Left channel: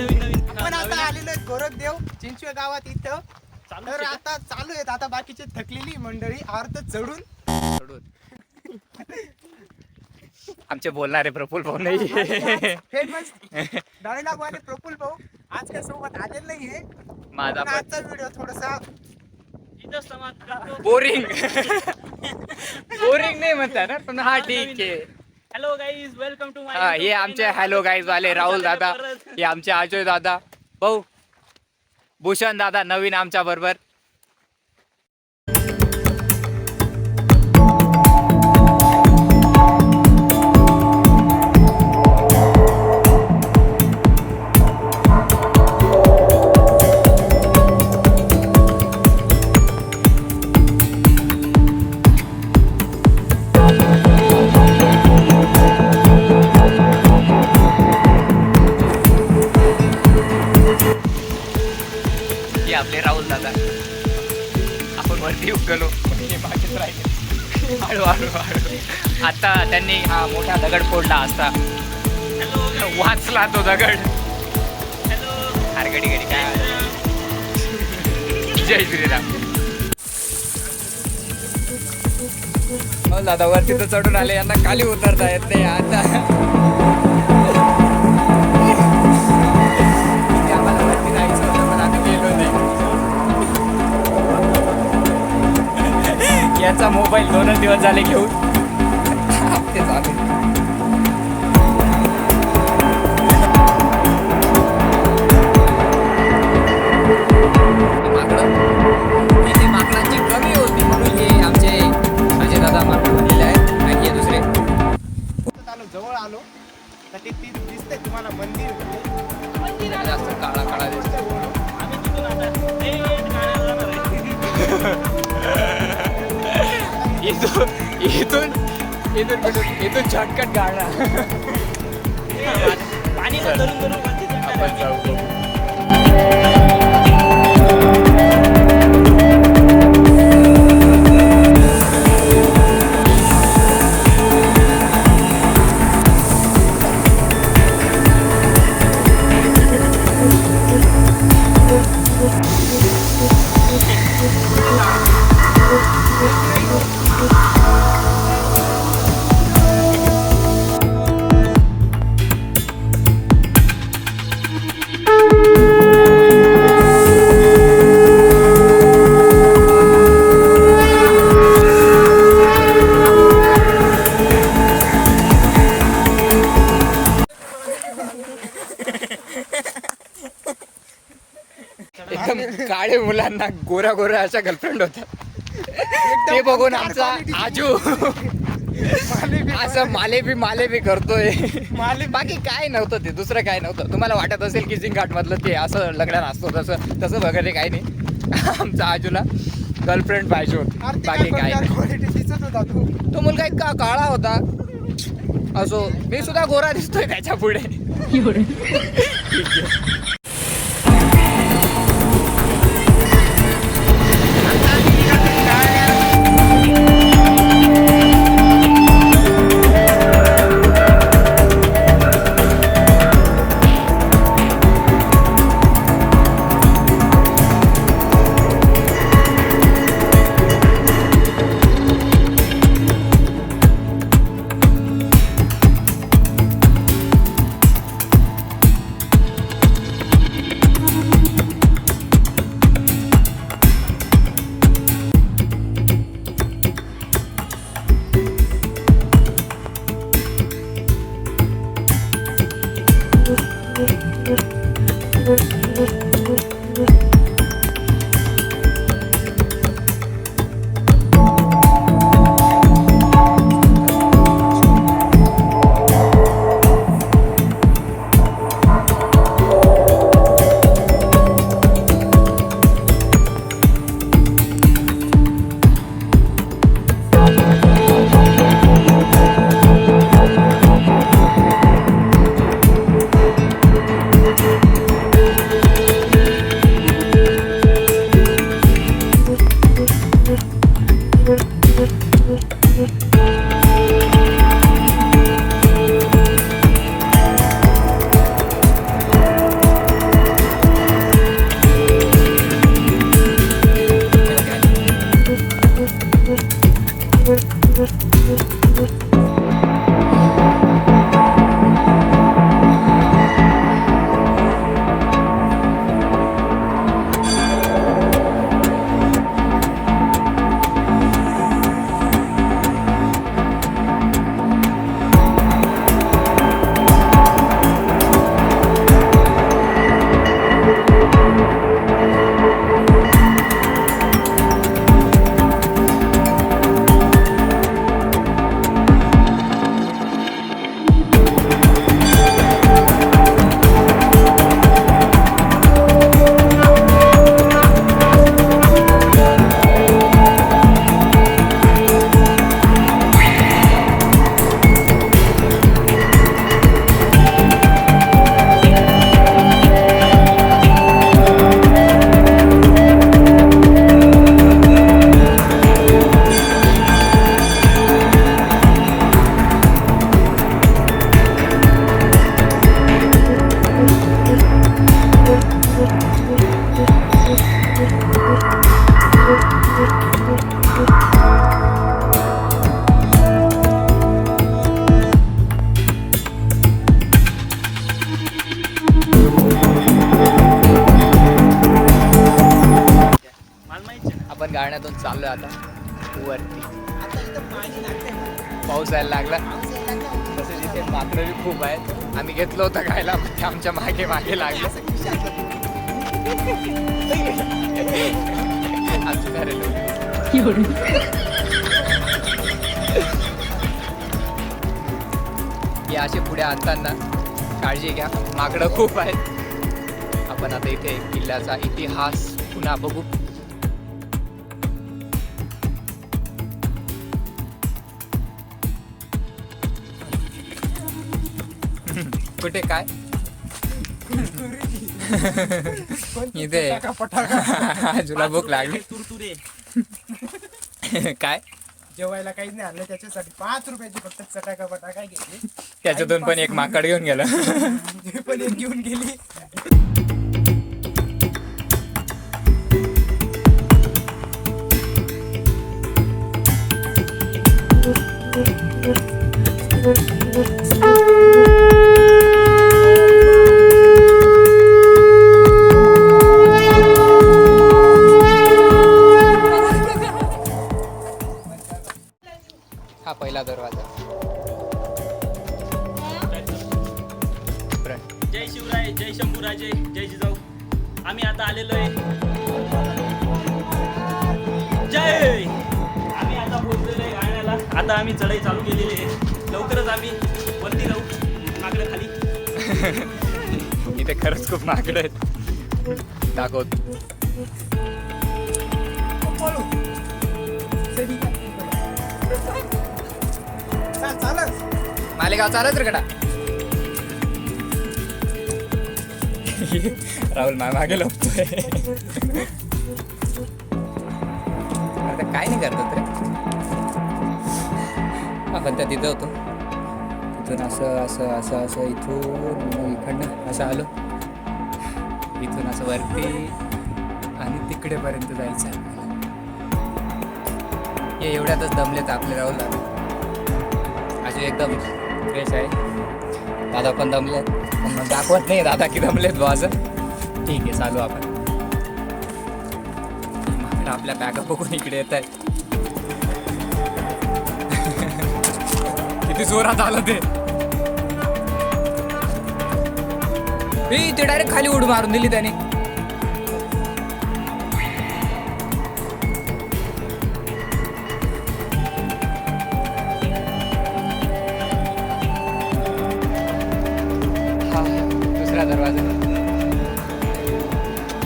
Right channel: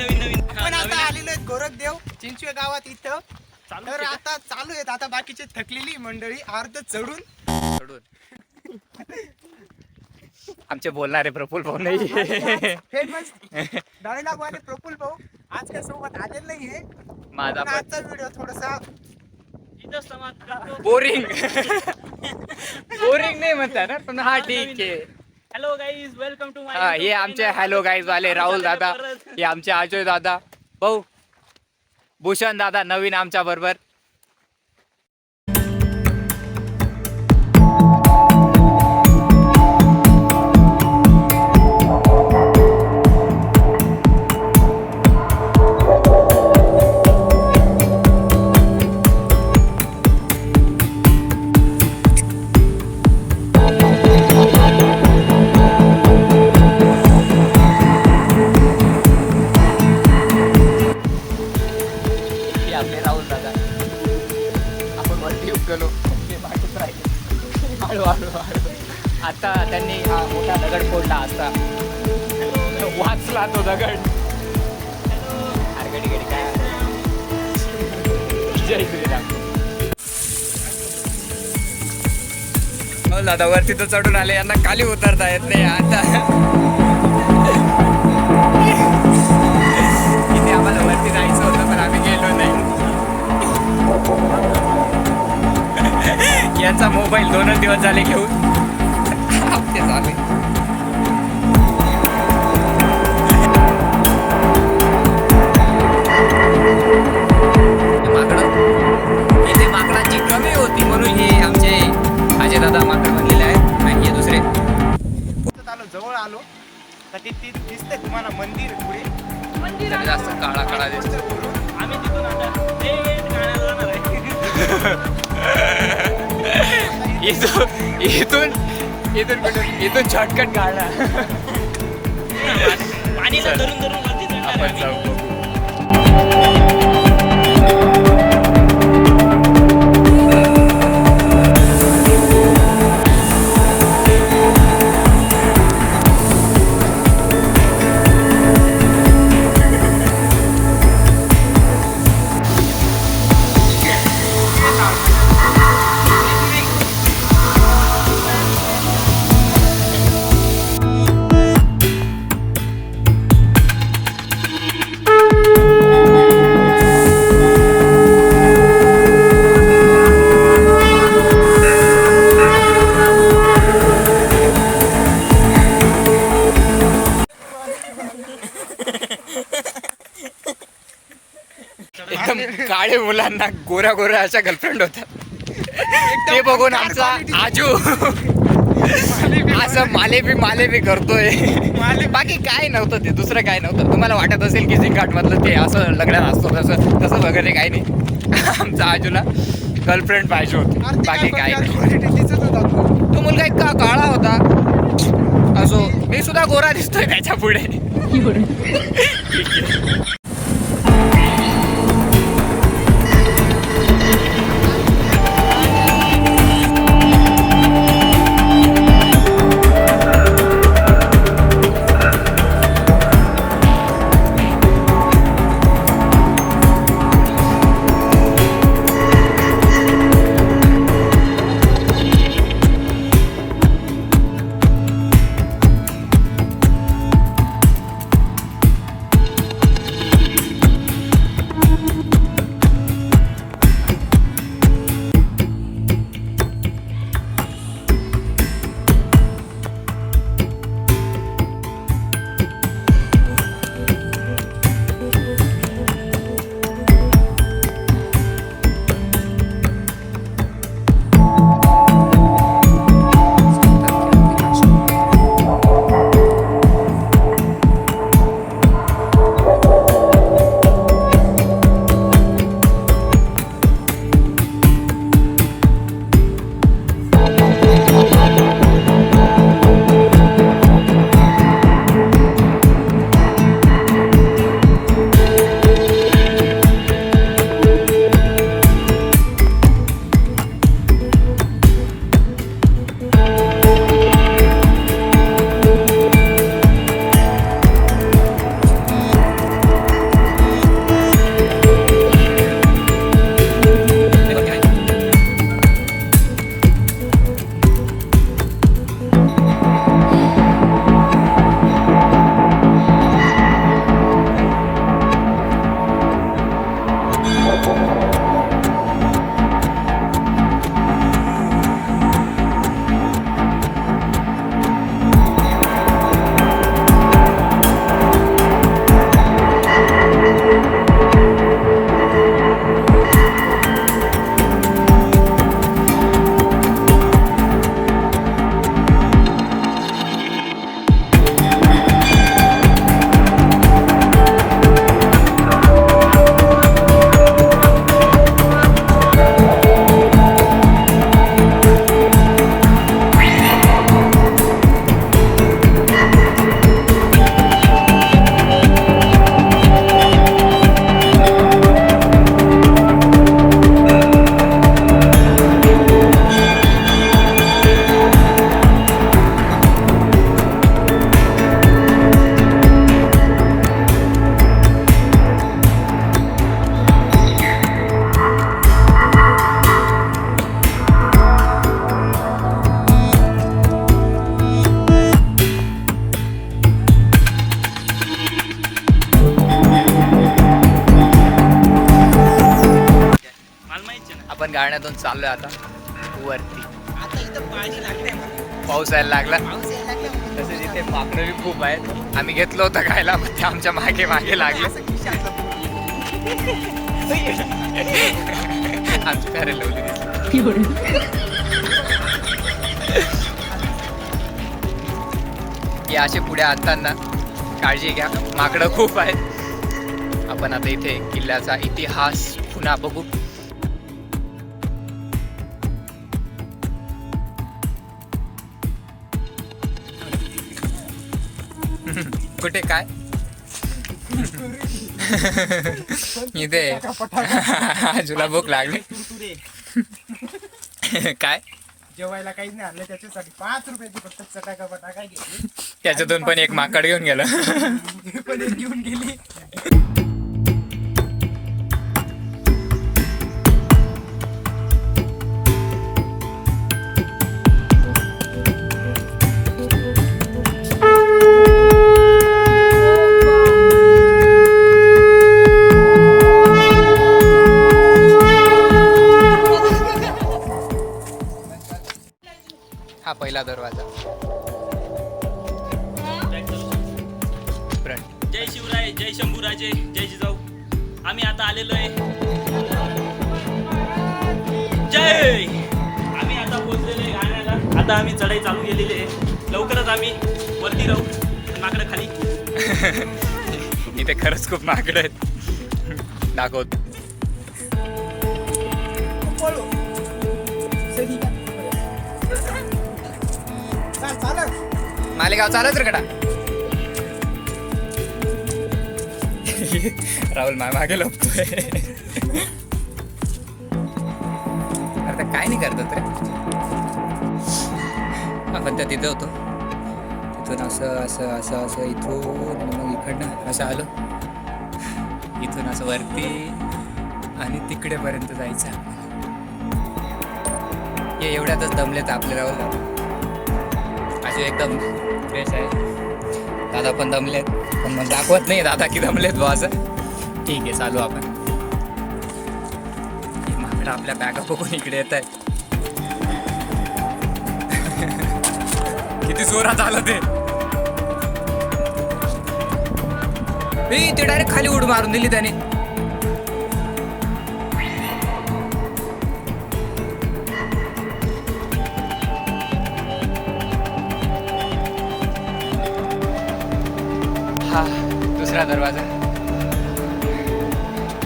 पण आता आलेलो आहे गोरखदेव चिंचवे गावात इथं. तर आता चालू आहेत आता बाकीची थकलेली मंडळी अर्ध चढून आमचे बोलणारे प्रफुल्ल भाऊ नाही. फेमस डायलॉग वाले प्रफुल्ल भाऊ आज काय सोबत आलेले नाहीये. माझा पण आजचा व्हिडिओ थोडासा बोरिंग बोरिंग नाही म्हणता ना पण हा ठीक आहे. हॅलो गाईज वेलकम टू हा हे आमचे हॅलो गाईज वाले राहुल दादा, हे आमचे अजय दादा, भाऊ भूषण दादा नवीन आमच्या बरोबर. आपले राहुल दादा आपण वरती उगलो मागेच राहिले हळू हळू हळू. आता त्यांनी हा मोठा दगड फोडला असता वाचला तो दगड. अरे गडी गडी काय जय श्रीराम. हो दादा वरती तर चढून आले, यांना खाली उतरता येत नाही आता. इथे आम्हाला वरती जायचं होतं पण आम्ही गेलो नाही. याचा मोबाईल 2 दिवस झाले घेऊन हप्ते झाले. माकडं इथे माकडांची कमी होती म्हणून हे आमचे अजय दादा माकड बनलेले आहेत आणि हे दुसरे. जवळ आलो तर ते दिसतंय तुम्हाला मंदिर पुढे. मंदिर जास्त काळा काळा दिसतो. आम्ही तिथून आता इथून इथून शॉर्टकट काढला. आपण जाऊ बघू. एकदम काळे मुलांना गोऱ्या गोऱ्या अशा गर्लफ्रेंड होतात. ते बघून आमचा आजू असं मालेबी करतोय. बाकी काय नव्हतं, ते दुसरं काय नव्हतं. तुम्हाला वाटत असेल की झिंगाट मधलं ते असं लग्नात असतो तसं वगैरे काही नाही. आमचा आजूला गर्लफ्रेंड पाहिजे होती, बाकी काय नाही. तो मुलगा इतका काळा होता, असो मी सुद्धा गोरा दिसतोय त्याच्या पुढे. मला माहिती ना. आपण गाण्यातून चाललोय आता वरती. आता इथं पाहायला लागतंय मला. पाऊस यायला लागला. पाऊस यायला लागला. तसेच इथे माकडं बी खूप आहेत. आम्ही घेतलं होतं खायला पण ते आमच्या मागे मागे लागले. असं खिशातलं बोलू. आमची घरे लावली दिसली. हे असे पुढे आणताना काळजी घ्या, माकडं खूप आहेत. आपण आता इथे किल्ल्याचा इतिहास पुन्हा बघू. कुठे काय इथे आजूला भूक लागली. कुरकुरे. काय जेवायला काही नाही आणलं त्याच्यासाठी 5 रुपयाची फक्त चटाका बटाका घेतली. त्याच्यातून पण एक माकड घेऊन गेलं. हे पण एक घेऊन गेली. हा पहिला दरवाजा. जय शिवराय, जय शंभूराजे, जय जिजाऊ. आम्ही आता आलेलो आहे. जय. आम्ही आता पोहोचलेलो आहे गाण्याला. आता आम्ही चढाई चालू केलेली आहे. लवकरच आम्ही वरती राहू. माकडं खाली. इथे खरंच खूप माकडं आहेत. दाखवत. मालेगाव चालत रे कडा. राहुल मागे लपतोय. अरे काय नाही करतात रे. आपण त्या तिथं होतो. तिथून असं असं असं असं इथून आणि मग इकडनं असं आलो. इथून असं वरती आणि तिकडेपर्यंत जायचं आपल्याला. हे एवढ्यातच दमलेत आपले राहुल दादा. असे एकदम फ्रेश आहे. दादा पण दमलेत पण मग दाखवत नाही दादा की दमलेत बुवा असं. ठीक आहे चालू आपण. माकडं आपल्या बॅगा बघून इकडे येत आहेत. किती जोरात आलं ते. ते डायरेक्ट खाली उडी मारून दिली त्याने. हा दुसरा दरवाजा.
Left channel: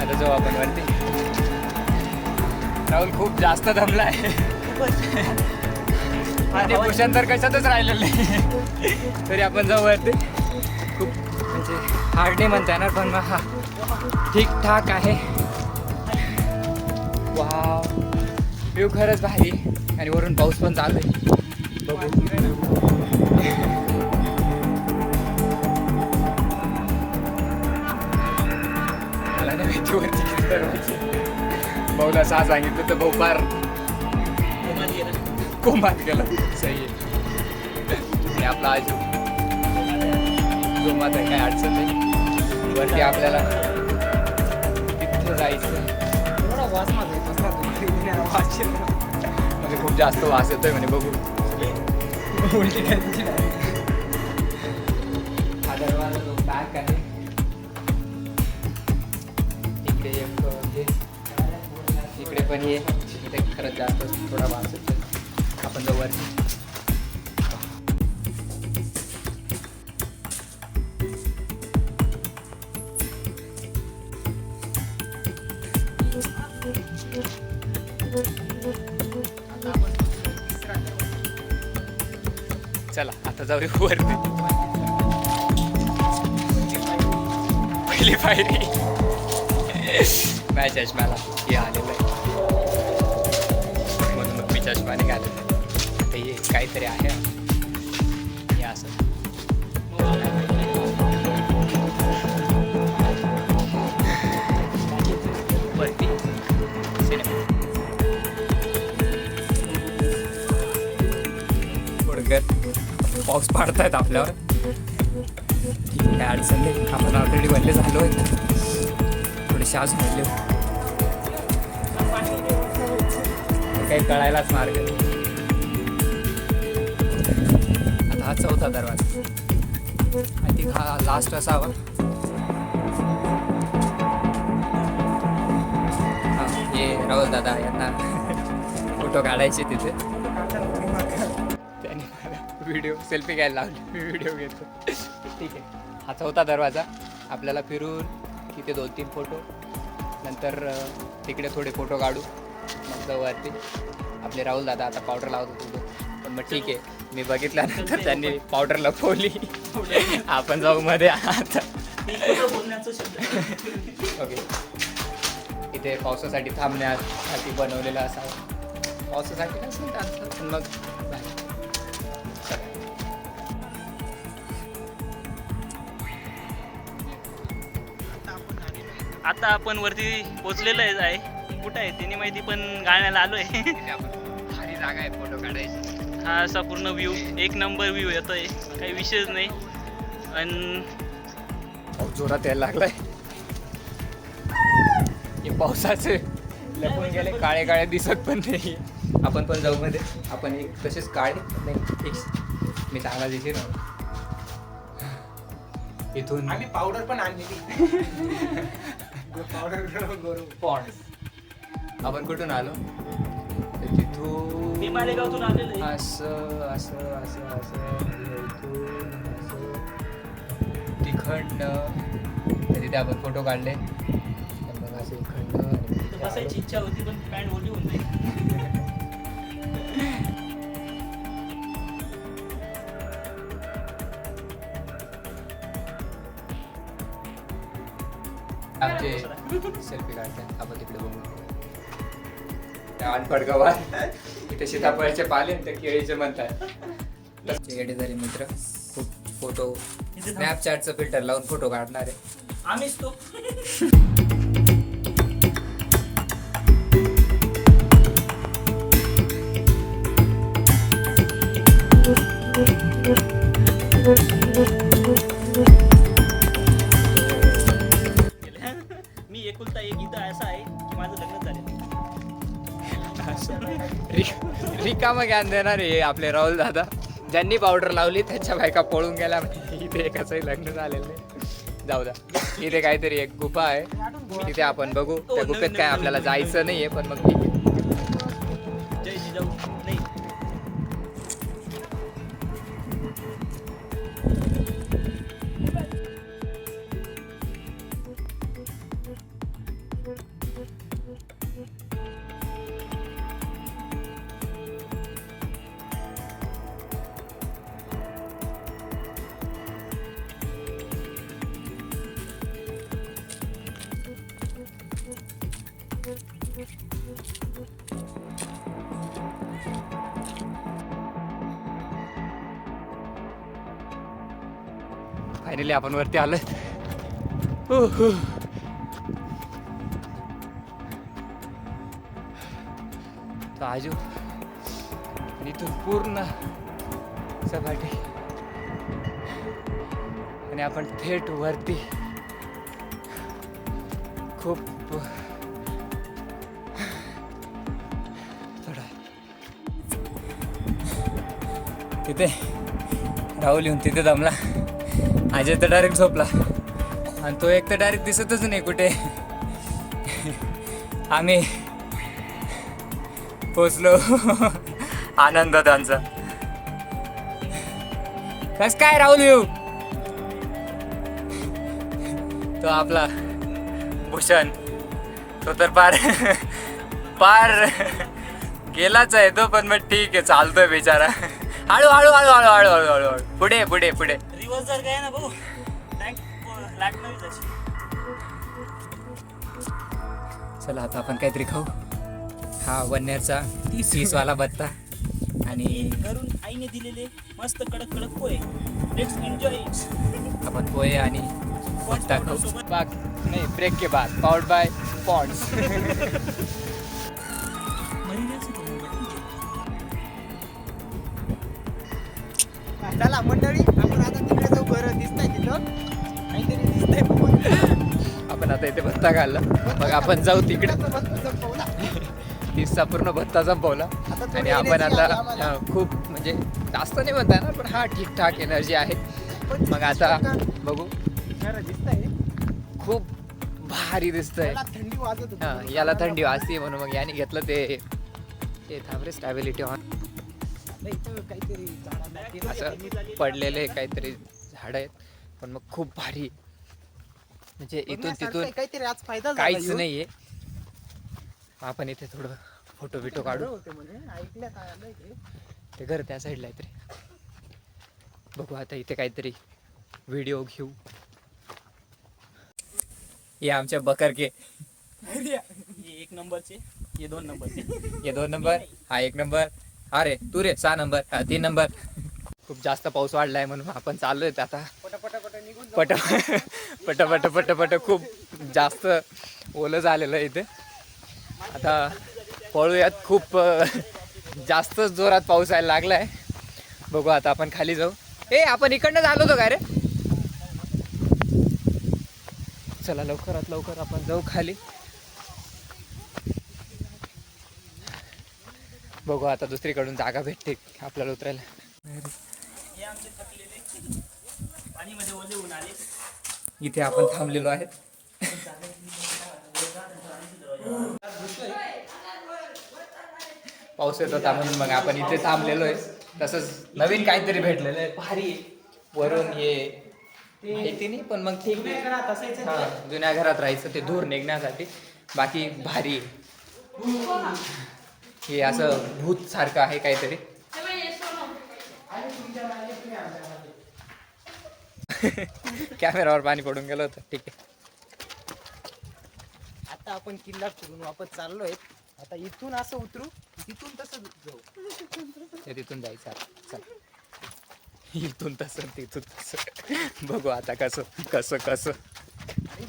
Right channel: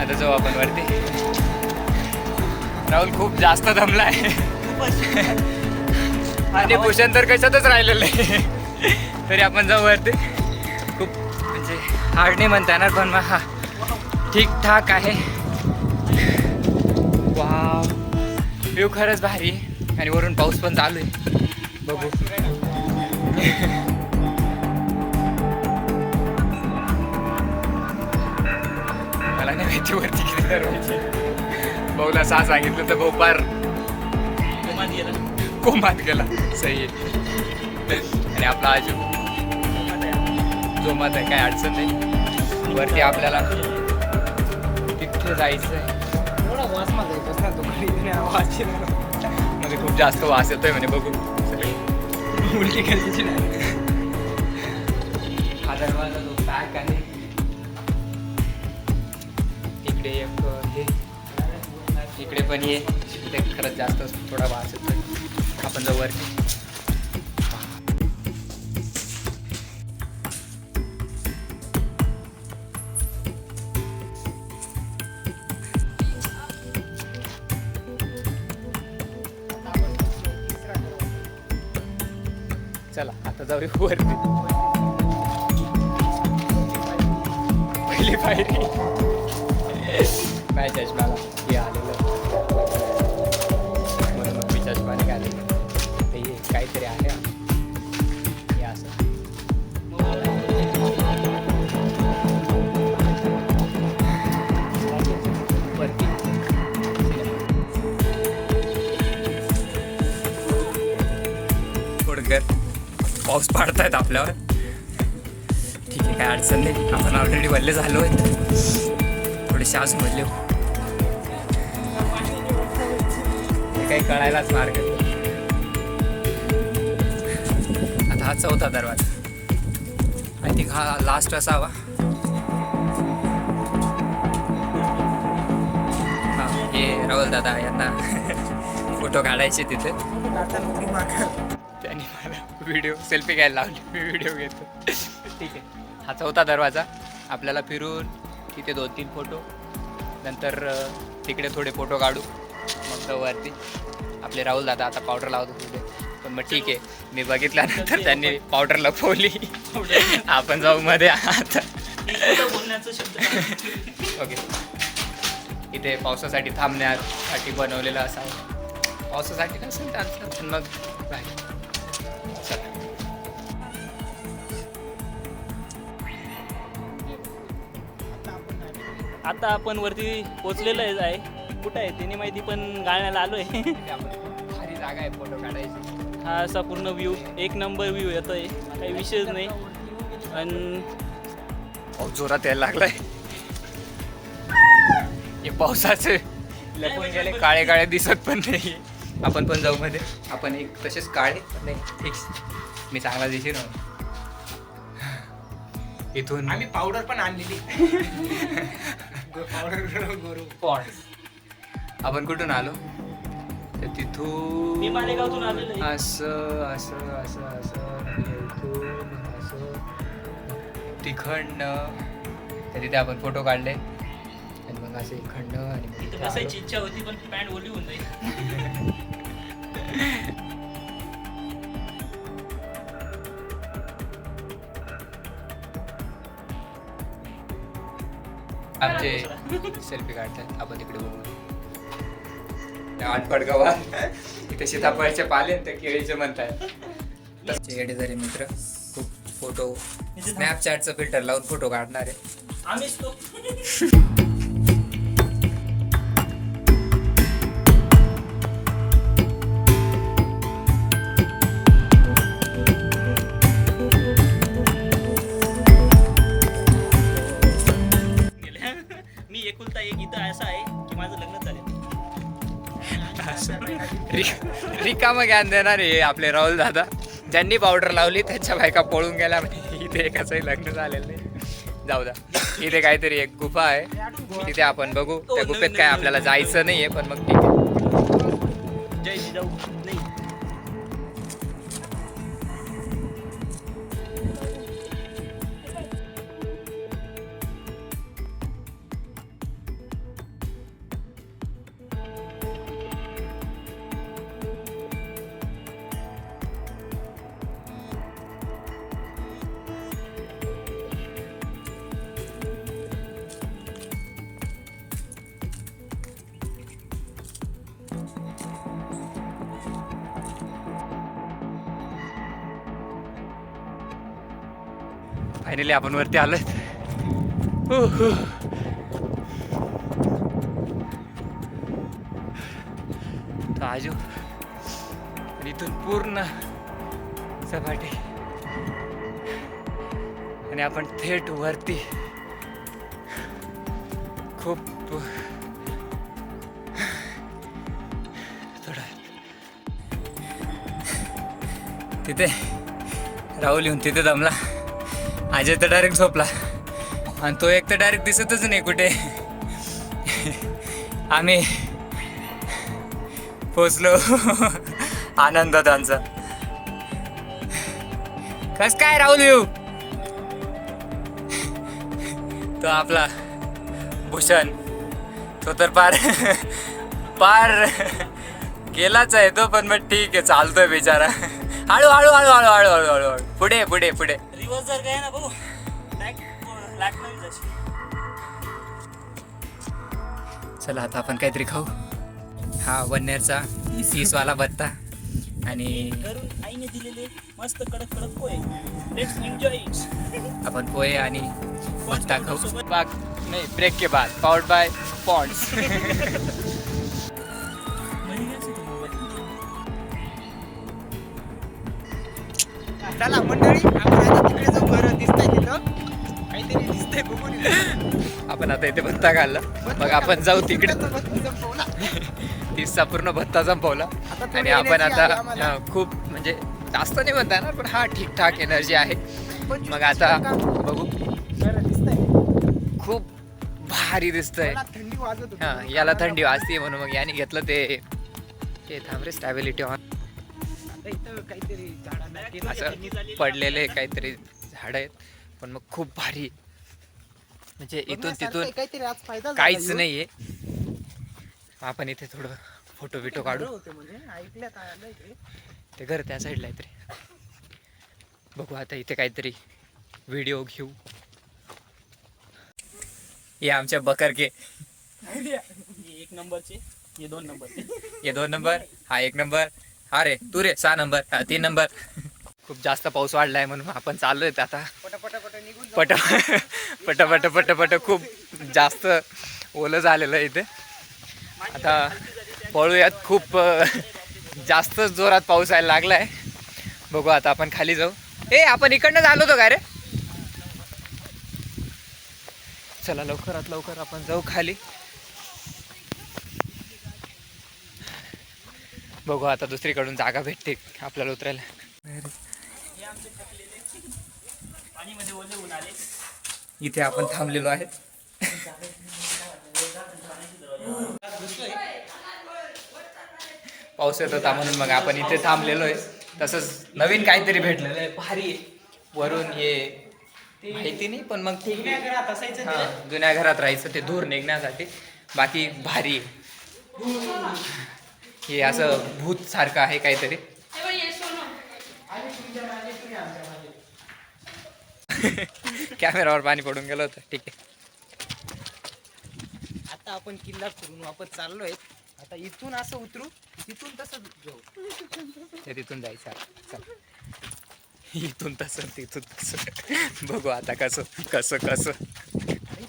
आता जाऊ आपण वरती. राहुल खूप जास्त दमला आहे. आणि भूषण तर कशातच राहिलेलं नाही. तरी आपण जाऊ वरती. खूप म्हणजे हार्ड नाही म्हणता येणार पण मग हा ठीकठाक आहे. वाव व्ह्यू खरंच भारी. आणि वरून पाऊस पण चालू आहे. बघू. मला नाही माहिती वरती किती दरवाजे. भाऊला 6 सांगितलं तर भाऊ पार कोमात गेला. सही आहे. आणि आपला आजू जोमात आहे, काय अडचण नाही. वरती आपल्याला तिथे जायचं आहे. म्हणजे खूप जास्त वास येतोय म्हणे, बघू. हा दरवाजा जो पॅक आहे. इकडे एक हे, इकडे पण ये. इथे खरंच जास्त थोडा वास येतोय. आपण जाऊ वरती. चला आता जाऊया वरती. पहिली पायरी माझ्या चष्म्याला हे आलेलं आहे, म्हणून मग मी चष्मा निघालेला आहे. आता हे काहीतरी आहे हे असं. वरती सिनेमा थोडं पाऊस पाडतायत आपल्यावर. ठीक आहे, काय अडचण नाही. आपण ऑलरेडी वल्ले झालो आहे, थोडेसे अजून वल्ले. हे काही कळायलाच मार्ग आहे. आता हा 4था दरवाजा. आय थिंक हा लास्ट असावा. हां, हे राहुल दादा यांना फोटो काढायचे तिथे. त्यांनी मला व्हिडिओ सेल्फी घ्यायला लावली, मी व्हिडिओ घेतो. ठीक आहे, हा 4था दरवाजा. आपल्याला फिरून तिथे 2-3 फोटो, नंतर तिकडे थोडे फोटो काढू, मग जाऊ वरती. आपले राहुल दादा आता पावडर लावत होते, पण मग ठीक आहे, मी बघितल्यानंतर त्यांनी पावडर लपवली. आपण जाऊ मध्ये आता. ओके, इथे पावसासाठी थांबण्यासाठी बनवलेलं असावं. पावसासाठी नसेल त्यांचं, पण मग बाय. आता आपण वरती पोचलेलो आहे. कुठं आहे त्यांनी माहिती, पण गाण्याला आलोय. भारी जागा आहे फोटो काढायची. हा असा पूर्ण व्ह्यू, 1 नंबर व्ह्यू येतोय, काही विषयच नाही. आणि पाऊस जोरात यायला लागलाय. हे पावसाचे लपून गेले, काळे काळे दिसत पण नाही. आपण पण जाऊ मध्ये. आपण एक तसेच काळे पण नाही, फिक्स मी चांगला दिसेल. इथून आम्ही पावडर पण आणलेली. आपण कुठून आलो, तर तिथून मी मालेगावतून आलेलो आहे. असं असं असं असं म्हणजे इथून असं तिखंड तिथे आपण फोटो काढले. आणि मग असे खंड आणि मग तिथे इथे बसायची आलो. इच्छा होती, पण पॅन्ट ओली होऊन जाईल. आमचे सेल्फी काढतात, आपण तिकडे बघू. त्या अनपड गवार इथे सीताफळचे पाले ते केळीचे म्हणतात. येडेदारी मित्र खूप फोटो स्नॅपचॅटचं फिल्टर लावून फोटो काढणार आहे. आम्हीच तो. मी एकुलता एक इथं असा आहे की माझं लग्न झालेलं. रिकामं ज्ञान देणार आहे आपले राहुल दादा. ज्यांनी पावडर लावली त्यांच्या बायका पळून गेल्या. इथे एकाचंही लग्न झालेलं नाही. जाऊ द्या, इथे काहीतरी एक गुफा आहे, तिथे आपण बघू. त्या गुफेत काय आपल्याला जायचं नाहीये, पण मग ठीक आहे. जय जिजाऊ. नाही, फायनली आपण वरती आलोय. आजू आणि इथून पूर्ण सपाटी आणि आपण थेट वरती खूप थोडा तिथे राहुल येऊन तिथे दमला. अजय तर डायरेक्ट झोपला आणि तो एक तर डायरेक्ट दिसतच नाही कुठे. आम्ही पोचलो. आनंद त्यांचा. कस काय राहुल येऊ. तो आपला भूषण तो तर पार गेलाच आहे तो, पण मग ठीक आहे चालतोय बिचारा. हळू हळू हळू हळू हळू हळू हळू हळू पुढे पुढे पुढे. रिवर्स जर काय ना भाऊ लागणार. चला आता आपण काहीतरी खाऊ. हा वन्नेरचा 30वाला भत्ता आणि घरून आईने दिलेले मस्त कडक कडक पोहे. Let's enjoy. आपण पोहे आणि भत्ता खाऊ. बाग नाही ब्रेक के बाद पावर्ड बाय पॉन्ड्स. चला मंडळी आपण आता तिकडे जाऊ. बरं दिसतंय तिथं काहीतरी दिसतंय बघून. आपण आता इथे भत्ता खाल्ला मग आपण जाऊ तिकडे. 30चा पूर्ण भत्ता संपवला आणि आपण आता खूप म्हणजे जास्त नाही म्हणता येणार पण हा ठीकठाक एनर्जी आहे. मग आता बघू. खूप भारी दिसतंय. थंडी वाजत होती. हा याला थंडी वाजते म्हणून मग याने घेतलं ते थांब रे स्टॅबिलिटी ऑन. आता इथं काहीतरी झाडांना असं पडलेले काहीतरी झाड आहेत पण मग खूप भारी म्हणजे इथून तिथून काहीतरी आज फायदा झाला काहीच ह्यो. नाहीये. आपण इथे थोडं फोटो बिटो काढू. होतं म्हणे ऐकल्यात आलं इथे. ते घर त्या साईडला आहे तरी बघू. आता इथे काहीतरी व्हिडिओ घेऊ. ये आमच्या बकर के ये 1 नंबरचे, ये 2 नंबरचे. ये 2 नंबर हा 1 नंबर. हा रे तू रे 6 नंबर हा 3 नंबर. खूप जास्त पाऊस वाढलाय म्हणून आपण चाललोय आता पटापटा निघून पट पट पट पट पट. खूप जास्त ओलं झालेलं आहे इथे. आता पळूयात. खूप जास्त जोरात पाऊस यायला लागलाय. बघू आता आपण खाली जाऊ. आपण इकडनं झालो होतो का रे. चला लवकरात लवकर आपण जाऊ खाली. बघू आता दुसरीकडून जागा भेटते आपल्याला उतरायला. हे आमचे थकलेले पाणीमध्ये ओले होऊन आले. इथे आपण थांबलेलो आहे. पाऊस येत होता म्हणून मग आपण इथे थांबलेलो आहे. तसंच नवीन काहीतरी भेटलेलं आहे भारी आहे. वरून हे माहिती नाही पण मग ठीक आहे. हां जुन्या घरात राहायचं ते धूर निघण्यासाठी. बाकी भारी आहे. हे असं भूत सारखं आहे काहीतरी. कॅमेरावर पाणी पडून गेलं होतं. ठीक आहे आता आपण किल्ला फिरून वापस चाललोय. आता इथून असं उतरू तिथून तसं जाऊ. ते तिथून जायचं आता. चला इथून तसं तिथून तसं. बघू आता कसं कसं कसं.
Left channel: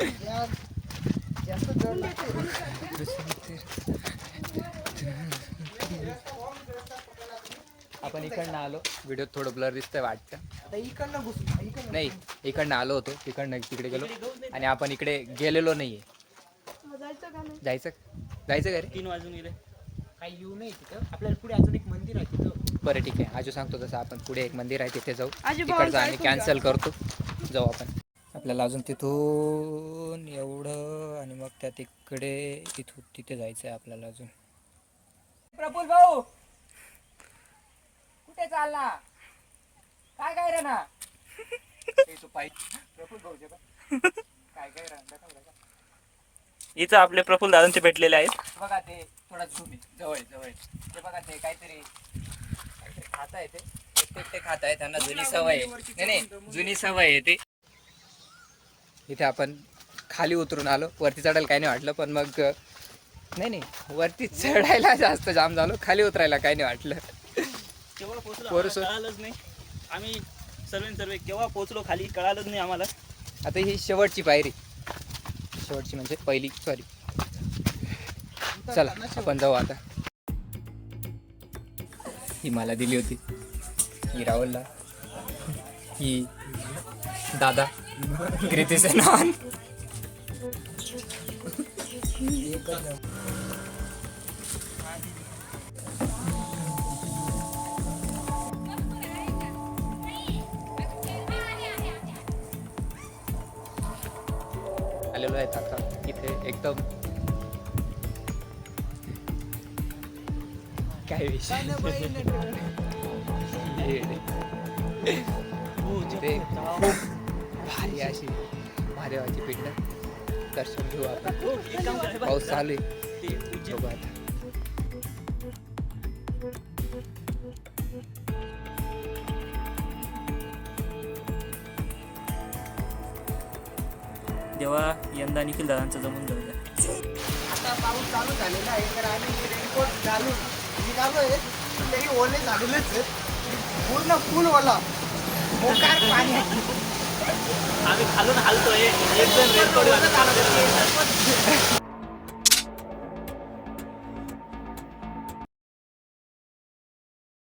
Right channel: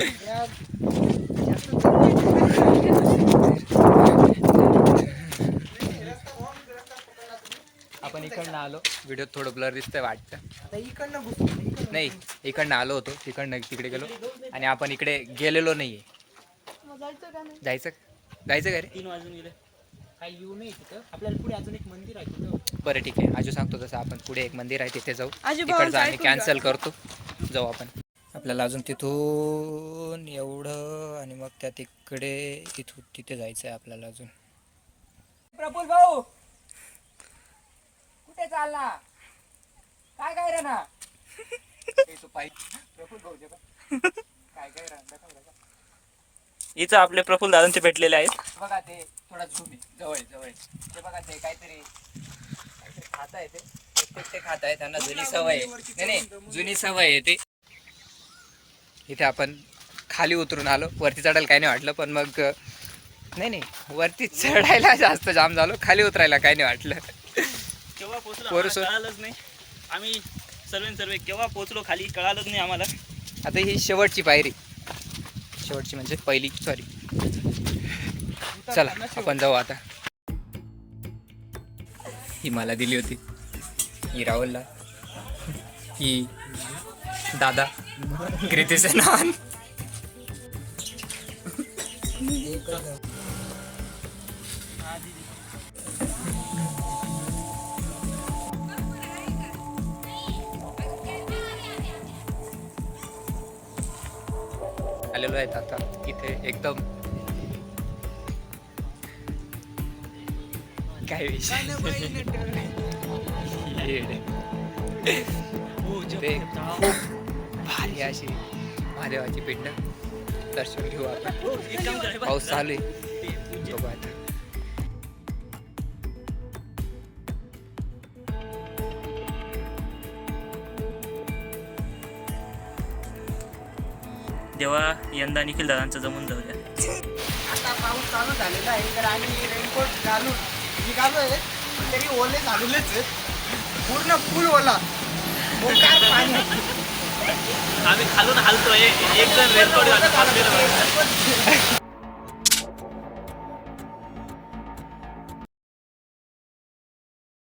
या- जास्त आपण इकडनं आलो. व्हिडिओ थोडं ब्लर दिसतंय वाटतं. आता इकडनं घुसू. इकडनं नाही इकडनं आलो होतो तिकडनं तिकडे गेलो आणि आपण इकडे गेलेलो नाहीये. जायचं जायचं का रे. 3 वाजून गेले. काही येऊ नये तिथं. आपल्याला पुढे अजून एक मंदिर आहे तिथं. बरं ठीक आहे. आजू सांगतो तसं आपण पुढे एक मंदिर आहे तिथे जाऊ. तिकडचं आम्ही कॅन्सल करतो. जाऊ आपण. आपल्याला अजून तिथून एवढं आणि मग त्या तिकडे इथून तिथे जायचं आहे आपल्याला अजून. प्रफुल्ल भाऊ कुठे चालला. काय काय रे ना. प्रफुल्ल भाऊ काय काय राहता. इथं आपले प्रफुल्ल दादांचे भेटलेले आहेत. बघा ते थोडा जवळ जवळ ते बघा ते काहीतरी खात आहे. ते खात आहे. त्यांना जुनी सवय आहे. नाही जुनी सवय आहे ती. इथे आपण खाली उतरून आलो. वरती चढायला काही नाही वाटलं पण मग नाही वरती चढायला जास्त जाम झालो. खाली उतरायला काही नाही वाटलं. केव्हा पोहोचलो आम्हाला कळालंच नाही. आम्ही सर्व केव्हा पोहोचलो खाली कळालंच नाही आम्हाला. आता ही शेवटची पायरी. शेवटची म्हणजे पहिली सॉरी. चला आपण जाऊ आता. ही मला दिली होती, ही राहुलला, ही दादा कृती सेनान. आलेलो आहेत आता इथे एकदम काय विषय ते खूप भारी अशी महादेवाची पिंड दर्शन घेऊ आपण. पाऊस चालू आहे, बघू आता. देवा यंदा निखिल दादांचं जमून जाऊ द्या. आता पाऊस चालू झालेला आहे तर आम्ही रेनकोट घालून निघालोय, तरी ओले झालेलेच आहेत. पूर्ण फुल ओला मोकार पाणी. आम्ही खालून हालतोय, एक जण रेनकोट घालून